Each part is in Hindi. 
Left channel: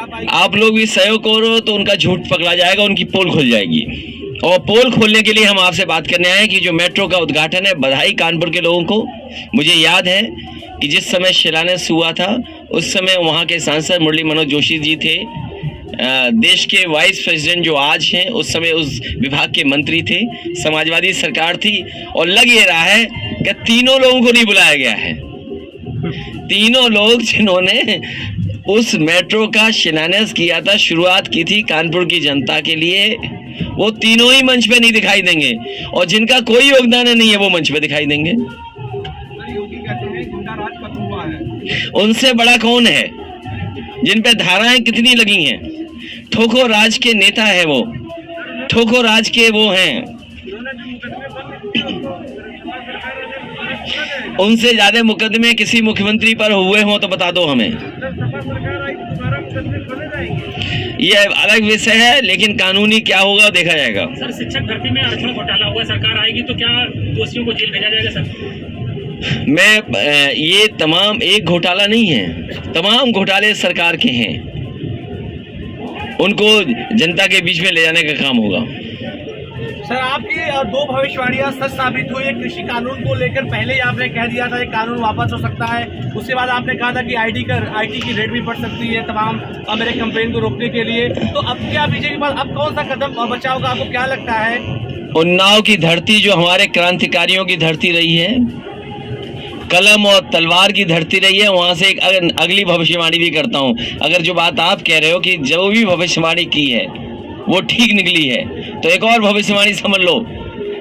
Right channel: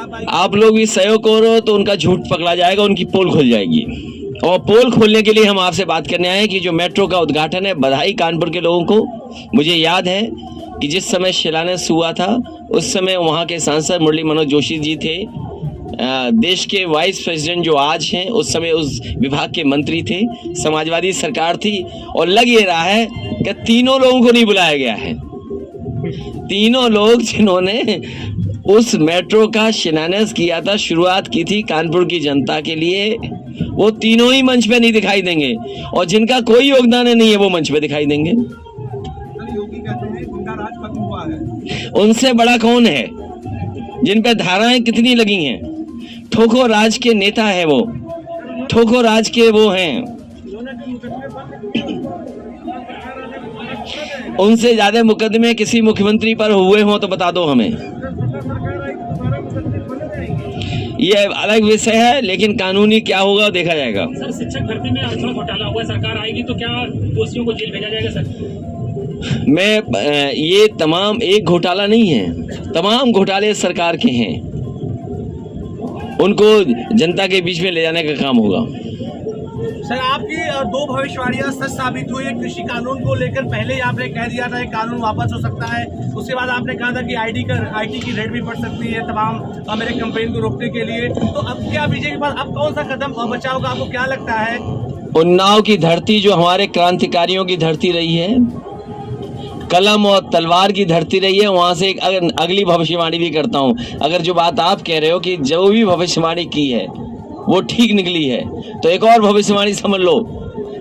आप लोग भी सहयोग करो तो उनका झूठ पकड़ा जाएगा, उनकी पोल खुल जाएगी। और पोल खोलने के लिए हम आपसे बात करने आए कि जो मेट्रो का उद्घाटन है, बधाई कानपुर के लोगों को। मुझे याद है कि जिस समय शिलान्यास हुआ था उस समय वहाँ के सांसद मुरली मनोहर जोशी जी थे, देश के वाइस प्रेसिडेंट जो आज हैं उस समय उस विभाग के मंत्री थे, समाजवादी सरकार थी। और लग ये रहा है कि तीनों लोगों को नहीं बुलाया गया है। तीनों लोग जिन्होंने उस मेट्रो का शिलान्यास किया था, शुरुआत की थी कानपुर की जनता के लिए, वो तीनों ही मंच पे नहीं दिखाई देंगे, और जिनका कोई योगदान नहीं है वो मंच पे दिखाई देंगे। योगी कहते हैं गुंडा राज खत्म हुआ है। उनसे बड़ा कौन है? जिन पे धाराएं कितनी लगी हैं, ठोको राज के नेता है वो, ठोको राज के वो हैं। उनसे ज्यादा मुकदमे किसी मुख्यमंत्री पर हुए हों तो बता दो हमें। ये अलग विषय है, लेकिन कानूनी क्या होगा देखा जाएगा। सर, शिक्षक भर्ती में आरक्षण घोटाला हुआ, सरकार आएगी तो क्या दोषियों को जेल भेजा जाएगा सर? ये तमाम एक घोटाला नहीं है, तमाम घोटाले सरकार के हैं, उनको जनता के बीच में ले जाने का काम होगा। सर, आपकी दो भविष्यवाणियां सच साबित हुई है। कृषि कानून को लेकर पहले ही आपने कह दिया था कि कानून वापस हो सकता है, उसके बाद आपने कहा था कि आईटी की रेट भी बढ़ सकती है तमाम मेरे कंपेन को रोकने के लिए। तो अब क्या बीजेपी के पास अब कौन सा कदम बचा होगा, आपको क्या लगता है? उन्नाव की धरती जो हमारे क्रांतिकारियों की धरती रही है, कलम और तलवार की धरती रही है, वहां से एक अगली भविष्यवाणी भी करता हूं। अगर जो बात आप कह रहे हो कि जो भी भविष्यवाणी की है वो ठीक निकली है, तो एक और भविष्यवाणी समझ लो,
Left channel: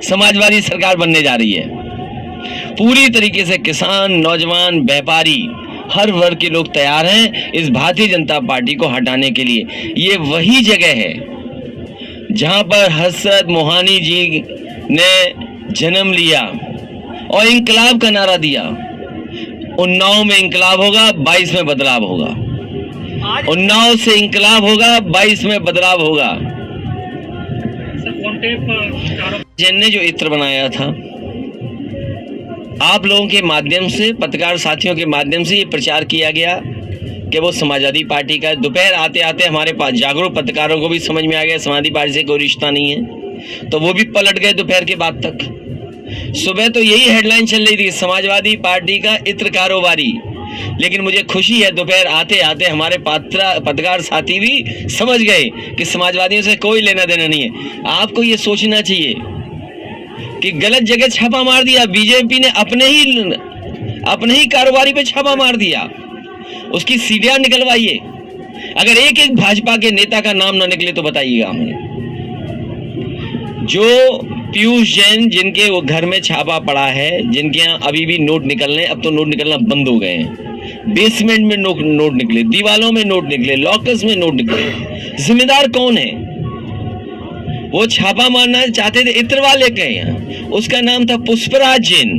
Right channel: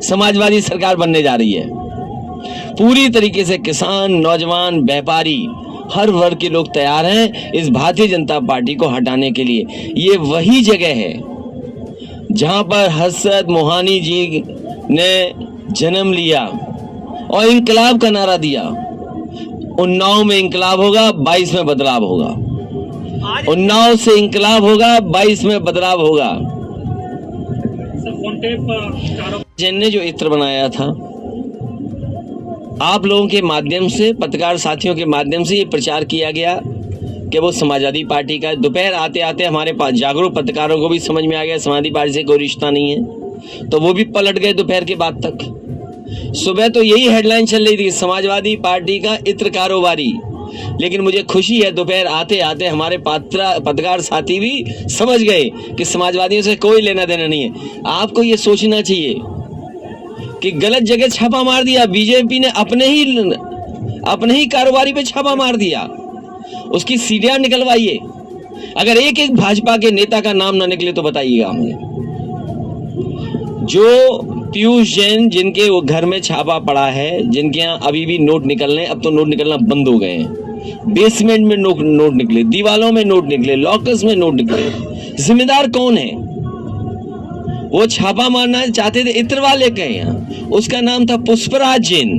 समाजवादी सरकार बनने जा रही है। पूरी तरीके से किसान, नौजवान, व्यापारी, हर वर्ग के लोग तैयार हैं इस भारतीय जनता पार्टी को हटाने के लिए। ये वही जगह है जहां पर हजरत मोहानी जी ने जन्म लिया और इंकलाब का नारा दिया। उन्नाव में इंकलाब होगा, 22 में बदलाव होगा। उन्नाव से इंकलाब होगा, 22 में बदलाव होगा। जैन ने जो इत्र बनाया था, आप लोगों के माध्यम से, पत्रकार साथियों के माध्यम से ये प्रचार किया गया कि वो समाजवादी पार्टी का। दोपहर आते आते हमारे पास जागरूक पत्रकारों को भी समझ में आ गया समाजवादी पार्टी से कोई रिश्ता नहीं है, तो वो भी पलट गए दोपहर के बाद तक। सुबह तो यही हेडलाइन चल रही थी, समाजवादी पार्टी का इत्र कारोबारी। लेकिन मुझे खुशी है दोपहर आते आते हमारे पत्रकार साथी भी समझ गए कि समाजवादियों से कोई लेना देना नहीं है। आपको ये सोचना चाहिए कि गलत जगह छापा मार दिया, बीजेपी ने अपने ही कारोबारी पे छापा मार दिया, उसकी सीढ़ियां निकलवाइए। अगर एक एक भाजपा के नेता का नाम ना निकले तो बताइएगा हमें। जो पीयूष जैन, जिनके वो घर में छापा पड़ा है, जिनके यहाँ अभी भी नोट निकल रहे हैं, अब तो नोट निकलना बंद हो गए हैं। बेसमेंट में नोट निकले, दीवालों में नोट निकले, लॉकर्स में नोट निकले। जिम्मेदार कौन है? वो छापा मारना चाहते थे इत्र वाले के यहाँ, उसका नाम था पुष्पराज जैन,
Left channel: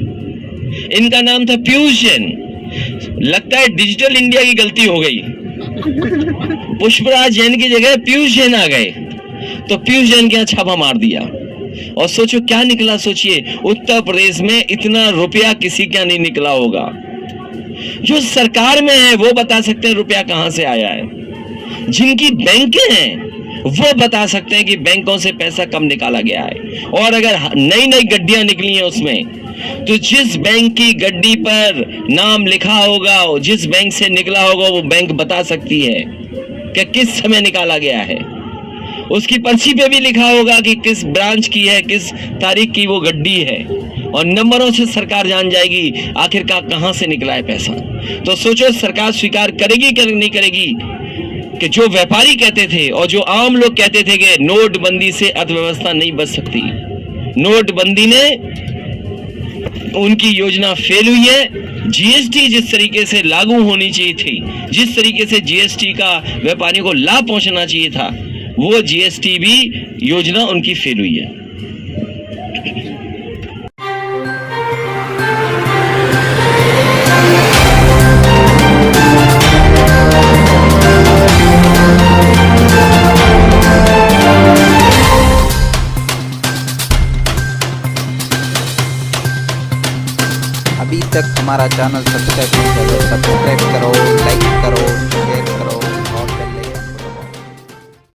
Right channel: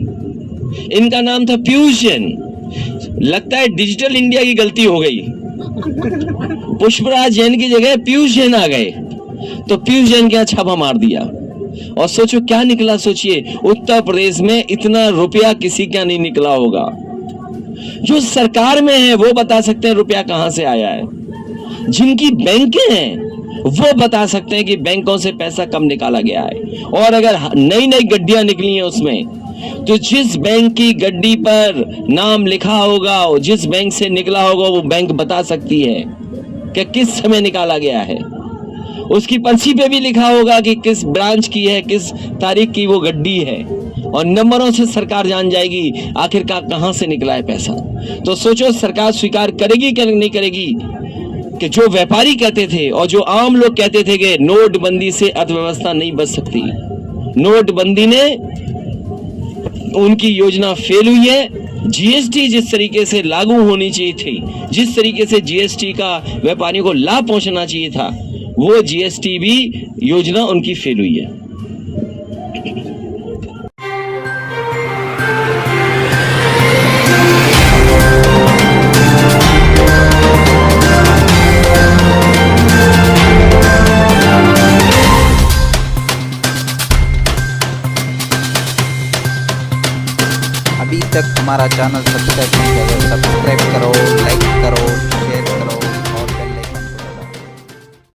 इनका नाम था पीयूष जैन। लगता है डिजिटल इंडिया की गलती हो गई, पुष्पराज जैन की जगह पीयूष जैन आ गए, तो पीयूष जैन के यहाँ छापा मार दिया। और सोचो क्या निकला, सोचिए उत्तर प्रदेश में इतना रुपया किसी का नहीं निकला होगा। जो सरकार में है वो बता सकते हैं रुपया कहां से आया है, जिनकी बैंकें हैं वो बता सकते हैं कि बैंकों से पैसा कम निकाला गया है। और अगर नई नई गड्डियां निकली हैं उसमें, तो जिस बैंक की गड्डी पर नाम लिखा होगा, जिस बैंक से निकला होगा, वो बैंक बता सकती है कि किस समय निकाला गया है। उसकी पर्ची पे भी लिखा होगा कि किस ब्रांच की है, किस तारीख की वो गड्डी है, और नंबरों से सरकार जान जाएगी आखिरकार कहां से निकला है पैसा। तो सोचो सरकार स्वीकार करेगी कि नहीं करेगी कि जो व्यापारी कहते थे और जो आम लोग कहते थे कि नोटबंदी से अर्थव्यवस्था नहीं बच सकती, नोटबंदी ने उनकी योजना फेल हुई है। जीएसटी जिस तरीके से लागू होनी चाहिए थी, जिस तरीके से जीएसटी का व्यापारियों को लाभ पहुंचना चाहिए था, वो जीएसटी भी योजना उनकी फेल हुई है। अभी तक हमारा चैनल सब्सक्राइब नहीं किया तो सब्सक्राइब करो, लाइक करो, शेयर करो।